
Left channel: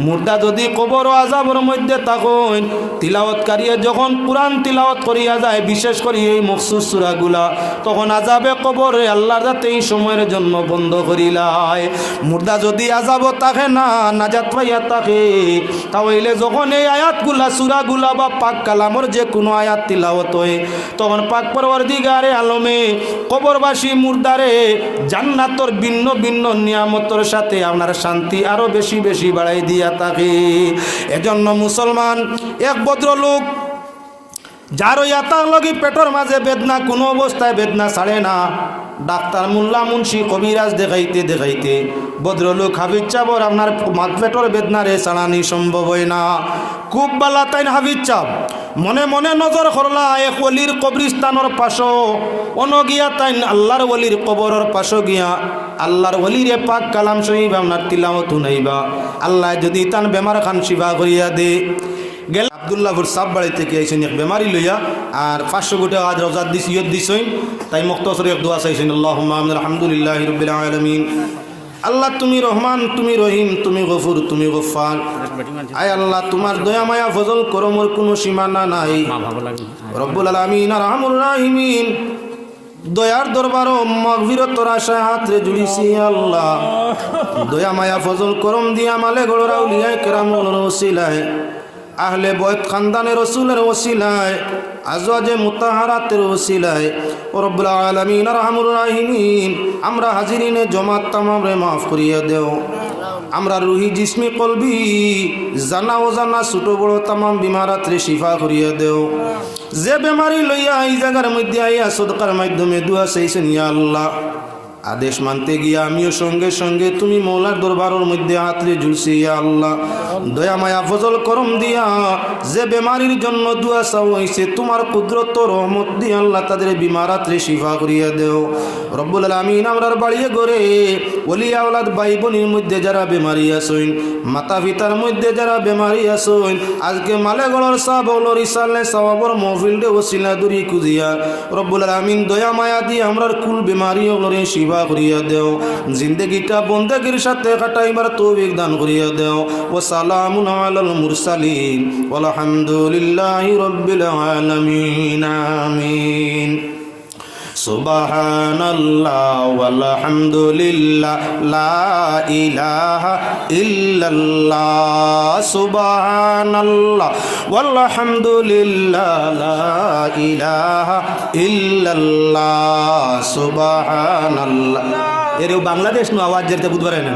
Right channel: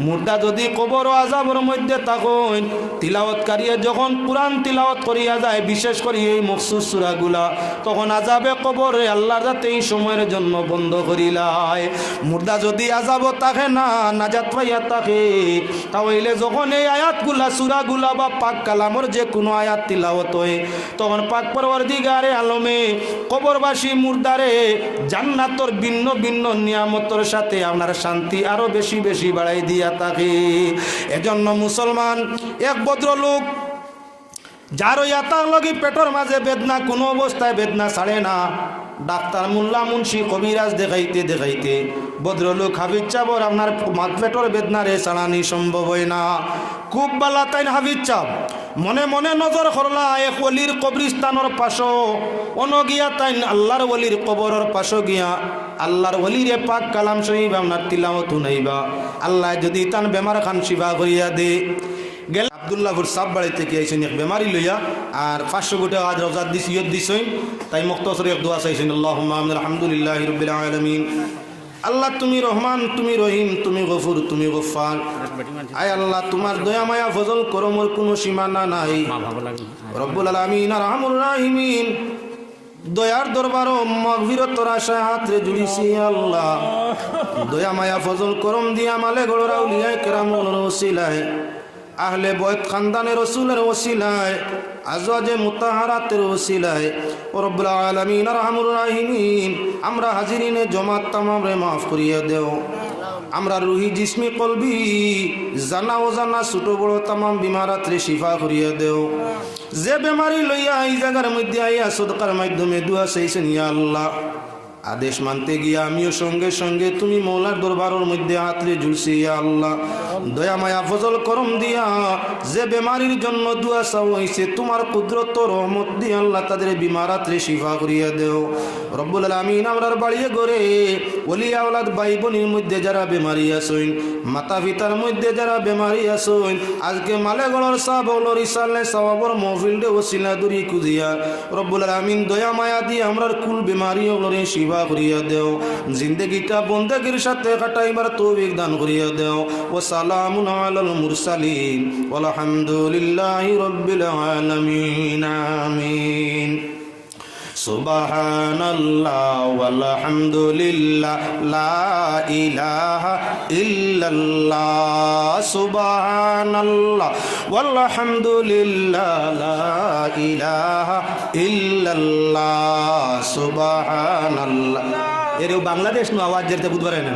মুর্দা যদি কবর আযাবের মধ্যে থাকেন, তিলাওয়াতকারী যখন কোরআন তিলাওয়াত করিয়া যায়, বিশেষ করে এই মখসুস সূরাগুলা, তখন আযাবে কবরে আল্লাহর যাতে এই সময়ের জন্য বন্ধ করিলায়। মুর্দা যদি আযাব থাকে না, নাজাত পাইয়া থাকে, তাহলে যখন এই আয়াতগুলা সূরাগুলা বা পাক কালামর যে কোনো আয়াত তিলাওয়াত হয়, তখন পাক পরওয়ারদিগারে আলমে কবরবাসী মুর্দারে জান্নাতর ভিন্ন ভিন্ন নিয়ামতের সাথে আপনার শান্তি আরো বেশি বেশি বাড়াই দিয়া থাকে। এজন্য মুসলমান এক ভদ্রলোক যার ইয়াতার লগি পেটর মাঝে বেদনা, কোনো অবস্থায় বেদনা ছাড়ে না, ডাক্তার মোল্লা মুন্সি কবিরাজ দেখাইতে দেখাইতে ভদ্রলোক হাফিজ চাবর আপনার পেটর বেদনারে ছাড়ানি সম্ভব হয় না। খুব বালা তাইন হাফিজ চাপ মনে মনে নজর করলা এক ওলির কবরিস্তানোর পাশো, অনগিয়া তাইন আল্লাহর ওলির কবরের পাশো গিয়া আল্লাহর ওলিরে পাক কালাম শরীফ আপনার তিলাওয়াত শুনাইবা। আল্লাহ যদি তান বেমার খান শিফা করিয়া দে। গেল আব্দুল্লাহপুর সাপ বাড়ি থেকে আইসেন এক বেমারি লইয়া, আর 500 কোটি আজ রোজা দিস ইয়ত দিছেন, তাই মুখতসর এক দোয়া চাইছেন, আল্লাহুম্মা আলহামদুলিল্লাহি রাব্বিল আলামিন। আল্লাহ তুমি রহমান, তুমি রহিম, তুমি গফুর, তুমি গফফার। আয় আল্লাহ তোমার দয়া মায়া ফজল করমের কোনো সীমানা নাই। রব্বুল আলামিন আর রহমুর রাহিমিন, দয়ার দরবারও মাগফিরতর আশা হাতরে জুড়িছি আল্লাহ। দয়া মায়া ফজল করম দিয়া মালে গড়রা উলিয়ায়ে কেরামের ওসিলায়, আহলে বয়ত খানদানের রসুলের ওসিলায়, আজওয়াজে মুতাহারাতের ওসিলায়, রব্বুল আলামিন আর রহমুর রাহিমিন, আমরা হাজিরিনে জমাত তামামরে মাফ করিয়া দেও। আমরা রুহি জিসমি কলবি জানা ও জানা ছোট বড় তামাম বিমারাত্রে শিফা করিয়া দেও। যে বেমারি লইয়া এই জায়গার মধ্যে আইয়া সদকার মাধ্যমে দুয়া চাইছেন ইয়া আল্লাহ, আদেশ মানতে গিয়া আমিও সঙ্গে সঙ্গে তুমি মৌলার দরবারের মধ্যে হাতরে ঝুলছি ইয়া আল্লাহ। দয়া মায়া ফজল করম দিয়া যে বেমারির জন্য দুয়া চাও হইছে, তোমার কুদরত রহমত দিয়ে আল্লাহ তাদের বিমারাত্রে শিফা করিয়া দেও। রব্বুল আলামিন আমরার বাড়িয়ে গড়ে ওলিয়া আওলাদ ভাই বোনের মধ্যে যারা বেমারি আছেন, মাতা পিতার মধ্যে যারা বেমারি আছেন, আজকে মালেগড়ের সাহাবর ইসালে সাহাবর মহফিলডে ওসিলা দূরি কুজিয়া রব্বুল আলামিন দয়া মায়া দিয়ে আমরার কুল বেমারি ওগুলোরে শিফা করিয়া দেও। জিন্দেগিটা বন্দেগীর সাথে কাটাইবার তৌফিক দান করিয়া দেও। ও সালামুন আলাল মুরসালিন ওয়ালহামদুলিল্লাহি রাব্বিল আলামিন। আমিন। সুবহানাল্লাহ ওয়ালহামদুলিল্লাহ লা ইলাহা ইল্লাল্লাহ। সুবহানাল্লাহ ওয়ালহামদুলিল্লাহ লা ইলাহা ইল্লাল্লাহ। সুবহানাল্লাহ। এর বাংলাদেশ নো আওয়াজ যেতে বুধবার না,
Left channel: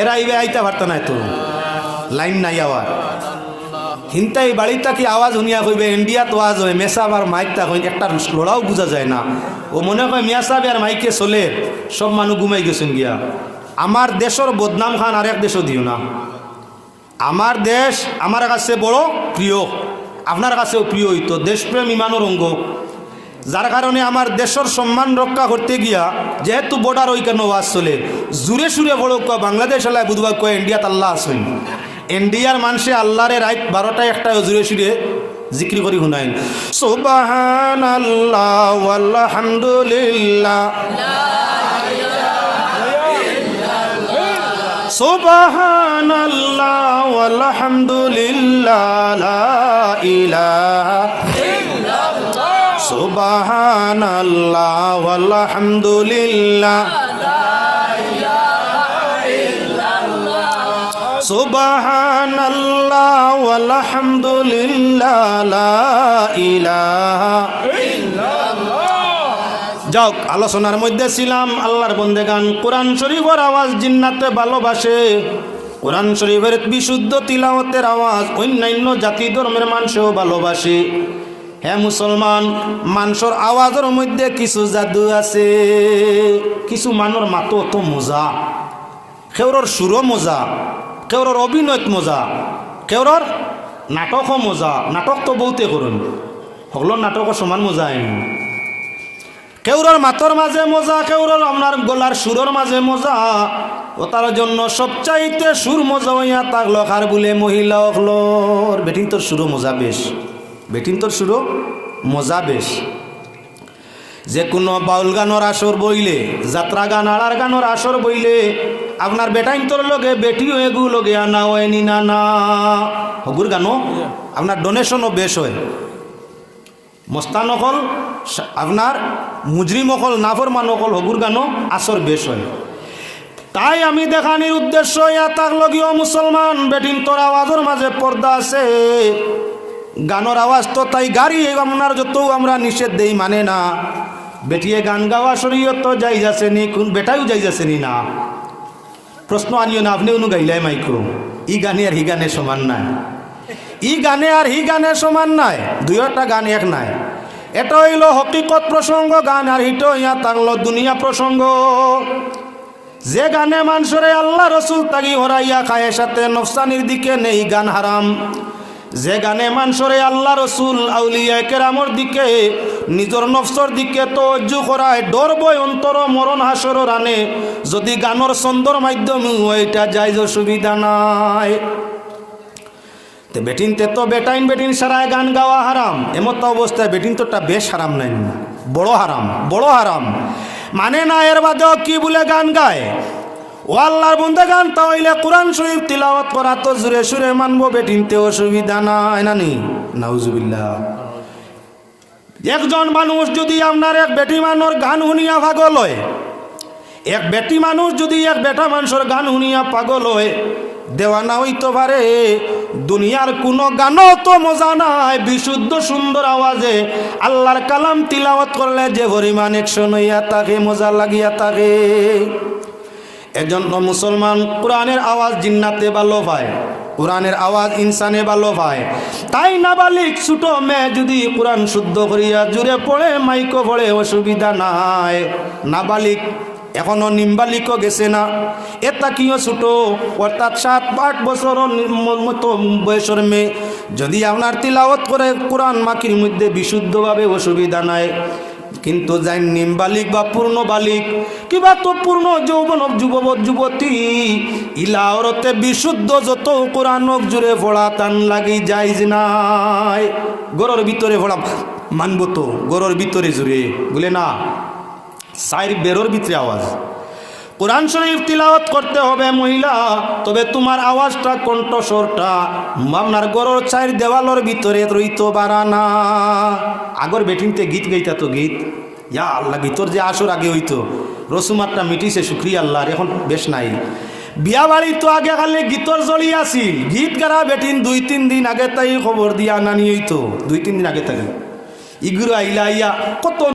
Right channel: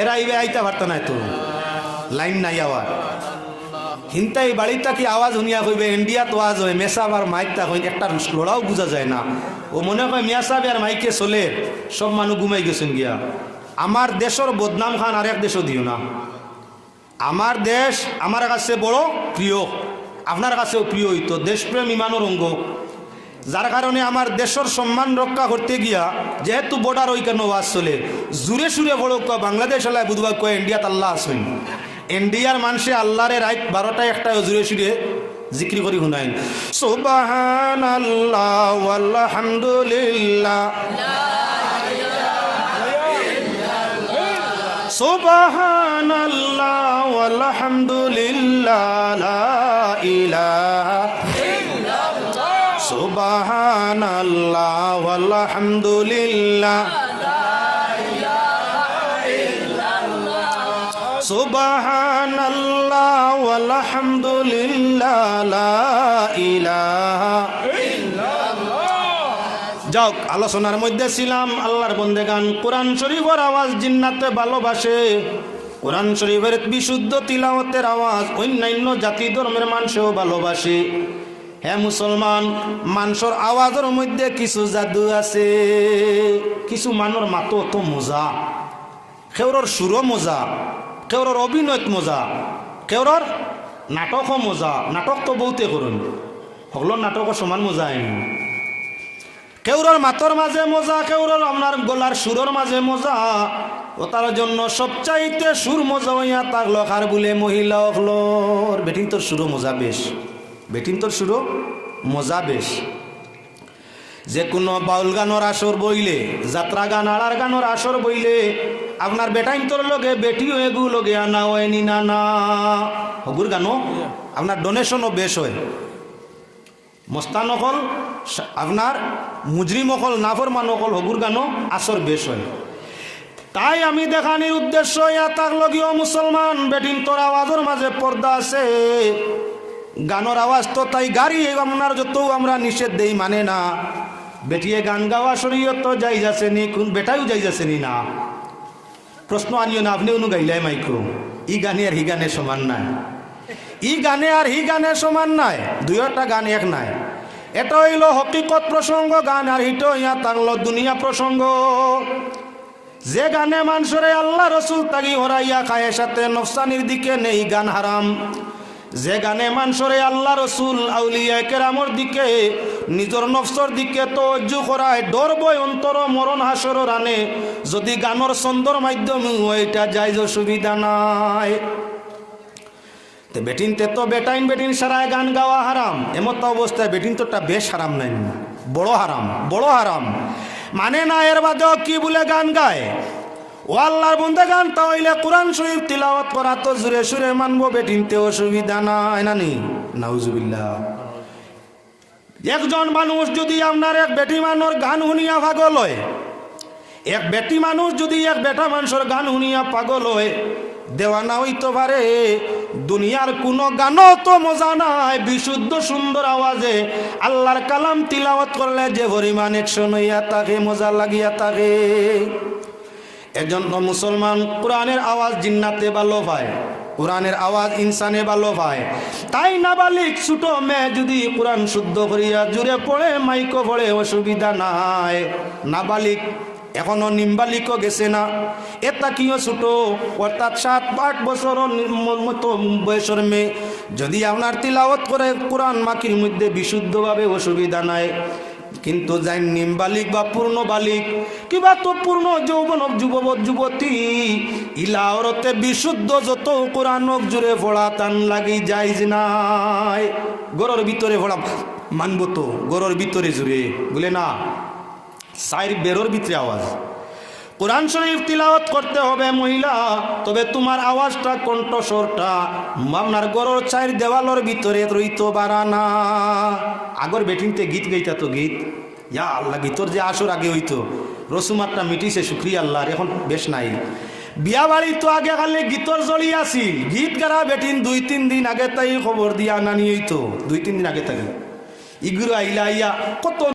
এরা ইবে আইতা পারত না, তো লাইন নাই আওয়াজ হিন্তাই বাড়িটা কি আওয়াজ শুনিয়া কইবে ইন্ডিয়াত আওয়াজ হয়, মেসাব আর মাইকটা কই একটা লড়াও বোঝা যায় না। ও মনে হয় মেসাব আর মাইকে চলে, সব মানুষ ঘুমাই গেছেন গিয়া। আমার দেশের বদনাম খান আর এক দেশও দিও না। আমার দেশ আমার কাছে বড় প্রিয়, আপনার কাছেও প্রিয় হইতো। দেশপ্রেম ইমানের অঙ্গ, যার কারণে আমার দেশের সম্মান রক্ষা করতে গিয়া যেহেতু বর্ডার ওই কেন আওয়াজ চলে, জুড়ে সুরে বড় বাংলাদেশ এলাকায় বুধবার কয় ইন্ডিয়াত আল্লাহ আসেন। ইন্ডিয়ার মানুষে আল্লাহরে রাত 12টায় একটা জুড়ে সুরে জিক্রি করি শুনাইন, সুবহানাল্লাহ ওয়ালহামদুলিল্লাহ সুবহানাল্লাহ ওয়ালহামদুলিল্লাহ লা ইলাহা ইল্লাল্লাহ। সুবহানাল্লাহ ওয়ালহামদুলিল্লাহ সুবহানাল্লাহ ওয়ালহামদুলিল্লাহ লা ইলাহা ইল্লাল্লাহ। যাক, আলোচনার মধ্যে ছিলাম আল্লাহর বন্দেগান কোরআন শরীফের আওয়াজ জিন্নাতে ভালোবাসে। কোরআন শরীফের বিশুদ্ধ তিলাওয়াতের আওয়াজ অন্যান্য জাতি ধর্মের মানুষও ভালোবাসে। হ্যাঁ মুসলমান, মানুষের আওয়াজের মধ্যে কিছু জাদু আছে। কিছু মানুষ মাতো অত মজা, কেউর সুরও মজা, কেউর অভিনয় মজা, কেউর নাটকও মজা। নাটক তো বহুতে করুন, সকলের নাটকও সমান মজা আইন। কেউর মাতর মাঝে মজা, কেউর আপনার গলার সুরের মাঝে মজা। ও তার জন্য সবচাইতে সুর মজা হইয়া থাকলো আর বলে মহিলা হকলোর বেটিন তোর সুরও মজা বেশ, বেটিন তোর সুরও মজা বেশ। যে কোনো বাউল গানোর আসর বইলে, যাত্রা গান, আড়ার গানোর আসর বইলে আপনার বেটাইন তোর লগে বেটিও এগু লগে আনা হয়নি না না হগুর গানো আপনার ডোনেশনও বেশ হয়। মস্তান অকল আপনার মুজরিম অকল নাফরমান অকল হগুর গানো আসর বেশ হয়। তাই আমি দেখানির উদ্দেশ্য ইয়া তাক লগিও মুসলমান বেটিন তোর আওয়াজের মাঝে পর্দা আছে। গানোর আওয়াজ তো তাই গাড়ি আপনার যত আমরা নিষেধ দেই মানে না। বেটিয়ে গান গাওয়া শরীয়ত তো যাই যাচ্ছে নি, কোন বেটাও যাই যাচ্ছে নি না। প্রশ্ন আনিও না, আপনি অনু গাইলাই মাইক্রো ই গানে আর হি গানে সমান নাই, ই গানে আর হি গানে সমান নাই, দুইটা গান এক নাই। এটা হইল হকিকত প্রসঙ্গ গান, আর হিটো ইয়া তাকলো দুনিয়া প্রসঙ্গ। যে গানে মানুষরে আল্লাহ রসুল তাগি হরাইয়া খায় সাথে নফসানির দিকে নেই গান হারাম। যে গানে মানুষরে আল্লাহ রসুল আউলিয়া কেরামর দিকে নিজের নফসর দিকে তওয়াজ্জু করায় ডর বয় অন্তর মরণ হাসর রানে, যদি গানোর ছন্দর মাধ্যমে ওইটা যাইজ সুবিধা নাই। বেটিনতে তো বেটাইন বেটিন সারায় গান গাওয়া হারাম। এমত অবস্থায় বেটিন তোটা বেশ হারাম নাই, বড় হারাম, বড় হারাম। মানে না এর বাদেও কি বলে গান গায় ও আল্লাহর বন্দে গান তাইলে কোরআন শরীফ তিলাওয়াত করা তো জুরে সুরে মানবো, বেটিনতে অসুবিধা নাই নানি নাউজুবিল্লাহ। একজন মানুষ যদি আপনার এক বেটি মানুষ গান শুনিয়া পাগল হয়, এক বেটি মানুষ যদি এক বেটা মানুষের গান শুনিয়া পাগল হয়, দেওয়ানা হইতে পারে। দুনিয়ার কোন গানও তো মজা নাই বিশুদ্ধ সুন্দর আওয়াজে আল্লাহর কালাম তিলাওয়াত করলে যে পরিমাণ একশন হইয়া থাকে, মজা লাগিয়া থাকে। এজন্য মুসলমান কোরআনের আওয়াজ জিন্নাতে ভালো পায়, কোরআনের আওয়াজ ইনসানে ভালো পায়। তাই নাবালিক ছোট মেয়ে যদি কোরআন শুদ্ধ করিয়া জুড়ে পড়ে মাইকো পড়ে অসুবিধা নাই। নাবালিক এখনো নিম্বালিকও গেছে না, এটা কিও ছোট অর্থাৎ 7-8 বছর মতো বয়সের মেয়ে যদি আপনার তিলাওয়াত করে কোরআন মাকির মধ্যে বিশুদ্ধভাবে অসুবিধা নাই। কিন্তু যাই নিম্বালিক বা পূর্ণ বালিক কিবা তো পূর্ণ যৌবন যুবক যুবতী ইলাওরতে বিশুদ্ধ যত কোরআনক জুড়ে পড়া তান লাগি যাইজ নাই। গরর ভিতরে পড়া মানব তো, গরর ভিতরে জুড়ে বলে না, সাইর বেরোর ভিতরে আওয়াজ। কোরআন শরীফ তিলাওয়াত করতে হবে মহিলা, তবে তোমার আওয়াজটা কণ্ঠস্বরটা আপনার গরর চাইর দেওয়ালের ভিতরে রইতো বারানা। আগর বেটিনতে গীত গাইতা তো গীত ইয়া আল্লাহ, গীতর যে আসর আগে হইতো রসুমাতটা মিটিছে শুক্রিয়া আল্লাহর, এখন বেশ নাই। বিয়া বাড়ি তো আগে খালি গীতর জড়ি আসিল, গীত গারা বেটিন 2-3 দিন আগে তাই খবর দিয়া নানি হইতো, 2-3 দিন আগে তাই ইগুলো আইলা ইয়া কত